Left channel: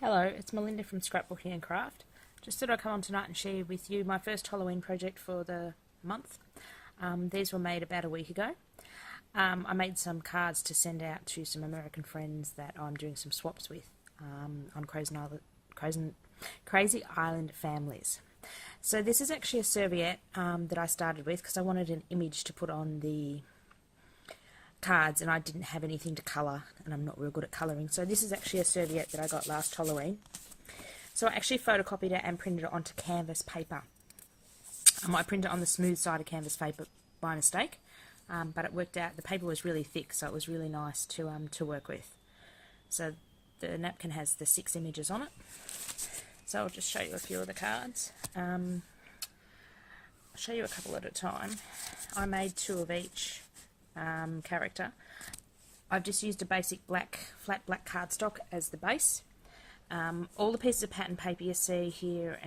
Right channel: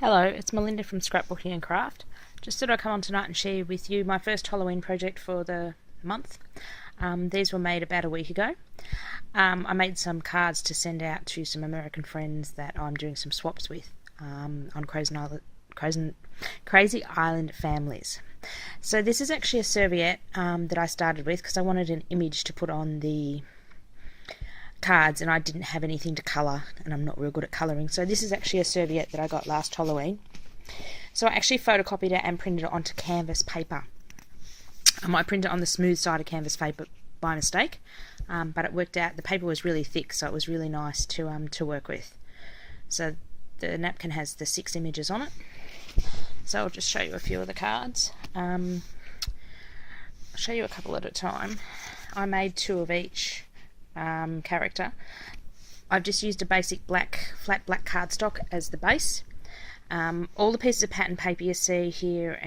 Hello, it's Melinda from Scrapbooking and Craft. Just thought I'd come on tonight and share with you my first Halloween project for the month. These were made about a week ago. I made some cards to send out to some American friends that I'm doing some swaps with on Crazy Island families. So this is actually a serviette that I started with because I wanted an image to put on the cards and I didn't have anything to colour, and I'm not real good at colouring. So this is actually a serviette that I got last Halloween. So I actually photocopied it and printed it onto canvas paper. I might print it on the smooth side of canvas paper by mistake, but it worked out. The paper was really thick, so it was really nice to work with. So the napkin has the 6 images on it. So I'll just show you a few of the cards. I'll show you a couple at a time. I made 2 of each character. I've just used a basic flat black cardstock as the base. All the pieces of pattern paper you see here,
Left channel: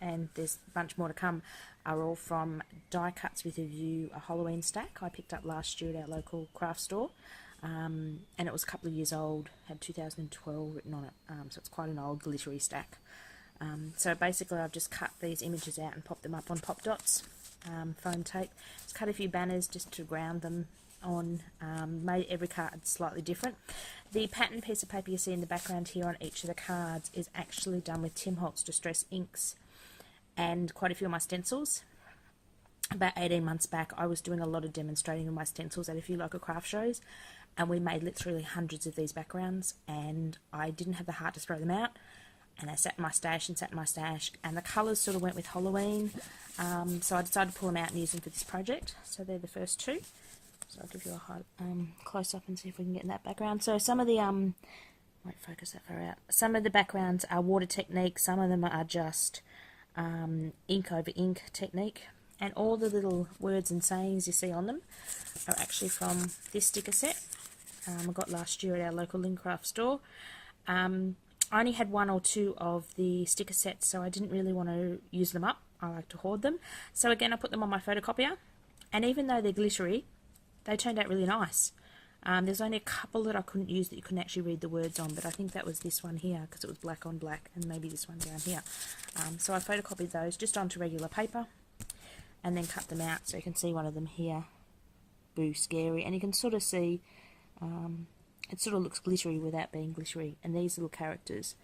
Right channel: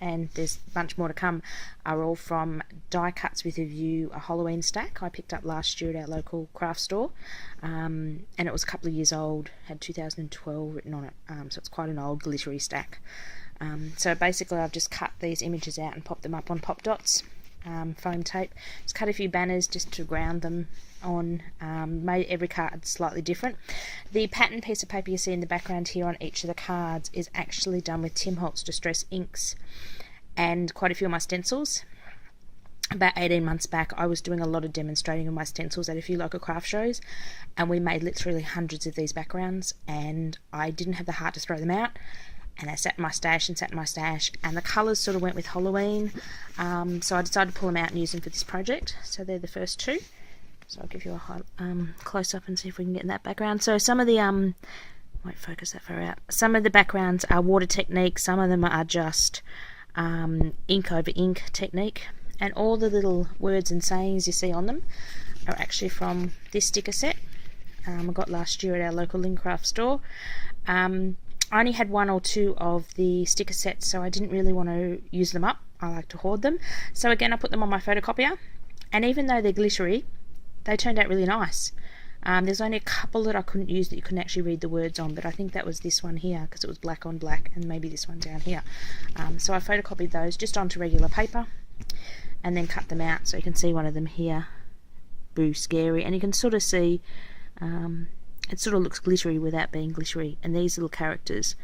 and there's a bunch more to come, are all from Die Cuts with a View, a Halloween stack I picked up last year at our local craft store, and it was a couple of years old, had 2012 written on it, so it's quite an old glittery stack. So basically I've just cut these images out and popped them up on pop dots, foam tape. Just cut a few banners just to ground them on. Made every card slightly different. The pattern piece of paper you see in the background here on each of the cards is actually done with Tim Holtz Distress inks and quite a few of my stencils. About 18 months back I was doing a lot of demonstrating of my stencils at a few local craft shows, and we made literally hundreds of these backgrounds, and I didn't have the heart to throw them out, and I sat in my stash, and the colours sort of went with Halloween, so I decided to pull them out and use them for this project. So they're the first 2. So I'll give you a close up and see if we can get in that background. So some of the won't focus that far out. Some of the backgrounds are water technique. Some of them are just ink over ink technique, and all the little words and sayings you see on them are actually from this sticker set I got last year at our local Lincraft store. I only had 1 or 2 of the sticker sets, so I didn't really want to use them up. I like to hoard them. So again, I put them on my photocopier, and even though they're glittery, they turned out really nice. There's only a couple that I couldn't use that you couldn't actually read the words on, but I think that was this one here because it was black on black, and maybe this one down here. So I photocopied those just onto regular paper and then cut them out, so you can see one of them here, Boo Scary, and you can sort of see it sort of looks glittery without being glittery, and these little characters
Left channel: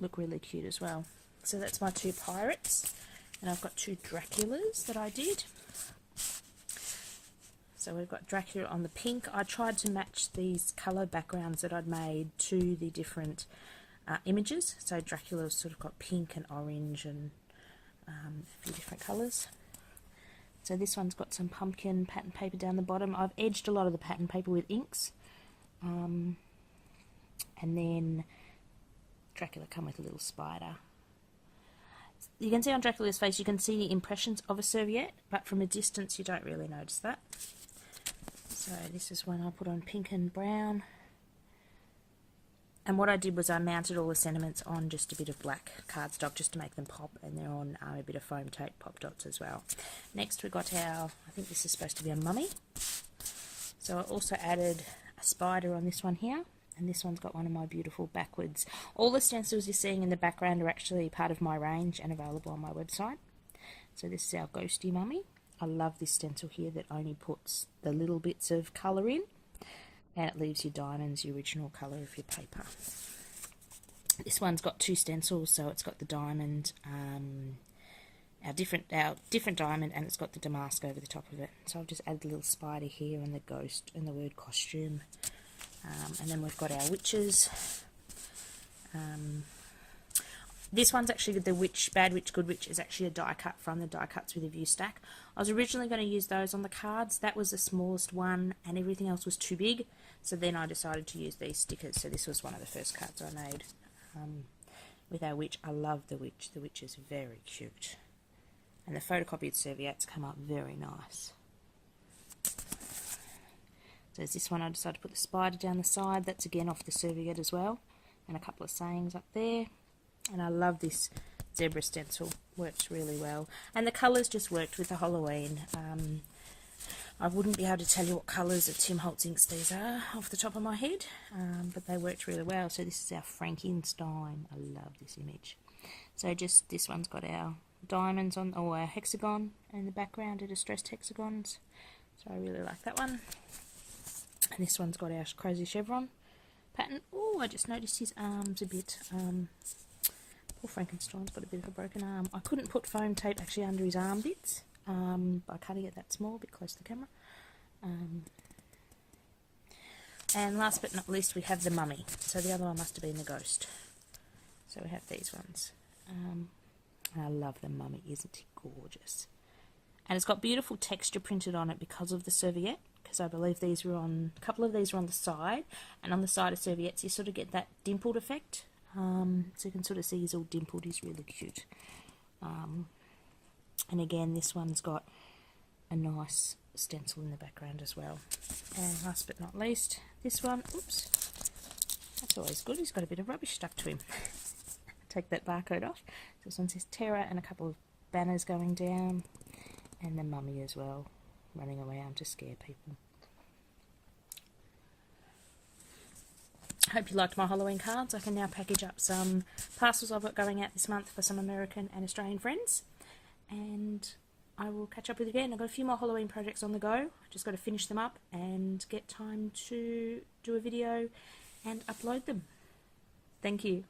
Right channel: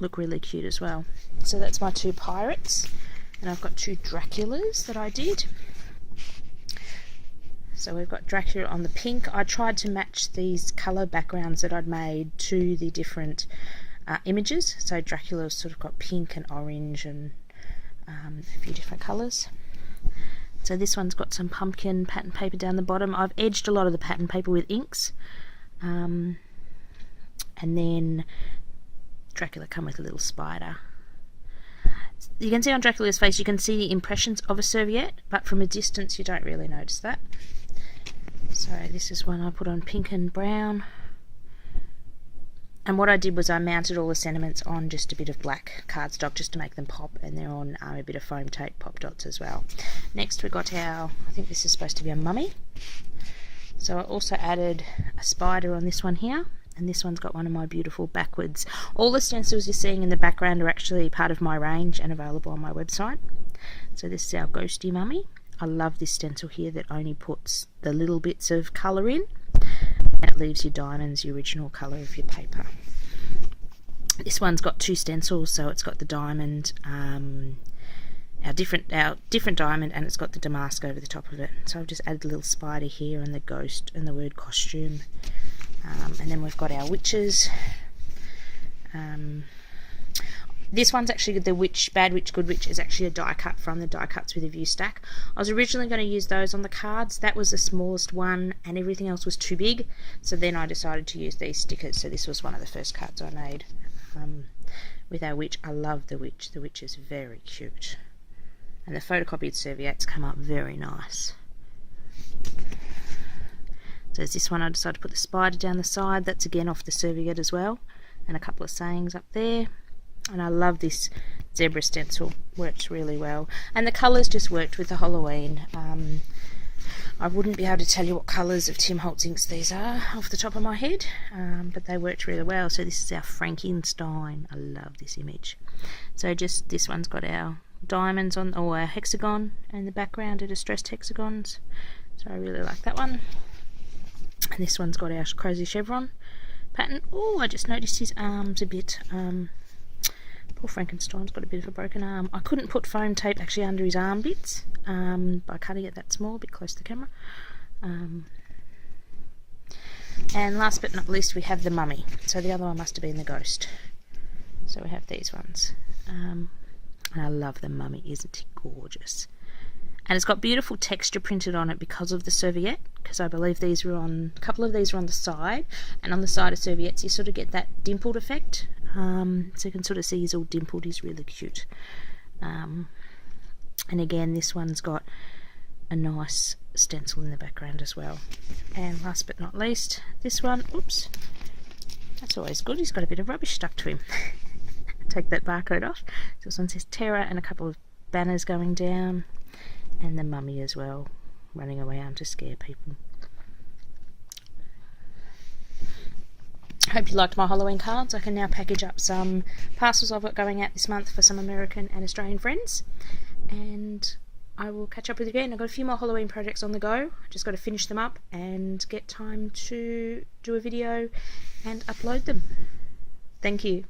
look really cute as well. So that's my 2 pirates, and I've got 2 Draculas that I did. So we've got Dracula on the pink. I tried to match these colour backgrounds that I'd made to the different images. So Dracula's sort of got pink and orange and a few different colours. So this one's got some pumpkin pattern paper down the bottom. I've edged a lot of the pattern paper with inks. And then Dracula come with a little spider. You can see on Dracula's face, you can see the impressions of a serviette, but from a distance you don't really notice that. So this is one I put on pink and brown. And what I did was I mounted all the sentiments on just a bit of black cardstock just to make them pop, and they're on a bit of foam tape pop dots as well. Next we got I think this is supposed to be a mummy. So I also added a spider on this one here, and this one's got one of my beautiful backwards. All the stencils you're seeing in the background are actually part of my range and available on my website. So this is our ghosty mummy. I love this stencil here that only puts the little bits of colour in, and it leaves your diamonds, the original colour of your paper. This one's got 2 stencils, so it's got the diamond, our different diamond, and it's got the damask over the top of it. So I've just added a little spider here and the ghost and the word costume. And then we've got our witches. This one's actually the witch, Bad Witch, Good Witch, is actually a die cut from the Die Cuts with a View stack. I was originally going to use those on the cards. That was the smallest one, and everything else was too big. So then I decided to use these stickers. So this was one of the first cards I made with our witch. I love the witch. The witch is very cute. And the photocopied serviettes come up very nice. So there's this one, I decided to put the spider down the side. That's again off the serviette as well. And a couple of sayings up there. And I love this zebra stencil, works really well. And the colours just worked with the Halloween. I wouldn't be able to tell you what colours of Tim Holtz inks these are off the top of my head, but they worked really well. So this is our Frankenstein. I love this image. So just this one's got our diamonds on, or our hexagon in the background, are distressed hexagons. So I really like that one. And this one's got our crazy chevron pattern. Oh, I just noticed his arms a bit. Poor Frankenstein's got a bit of a broken arm. I couldn't put foam tape actually under his arm bits by cutting it that small, a bit close to the camera. And last but not least, we have the mummy. So the other one must have been the ghost. So we have these ones. And I love the mummy, isn't it gorgeous? And it's got beautiful texture printed on it because of the serviette, because I believe these were on, a couple of these were on the side, and on the side of serviettes you sort of get that dimpled effect. So you can sort of see he's all dimpled. He's really cute. And again, this one's got a nice stencil in the background as well. And last but not least, this one, oops, that's always good, he's got a bit of rubbish stuck to him. Take that barcode off. So this one says Terror and a couple of banners going down, and the mummy as well, running around to scare people. Hope you liked my Halloween cards. I can now package up some parcels I've got going out this month for some American and Australian friends, and I will catch up with you again. I've got a few more Halloween projects on the go. I just got to finish them up and get time to do a video and upload them. Thank you.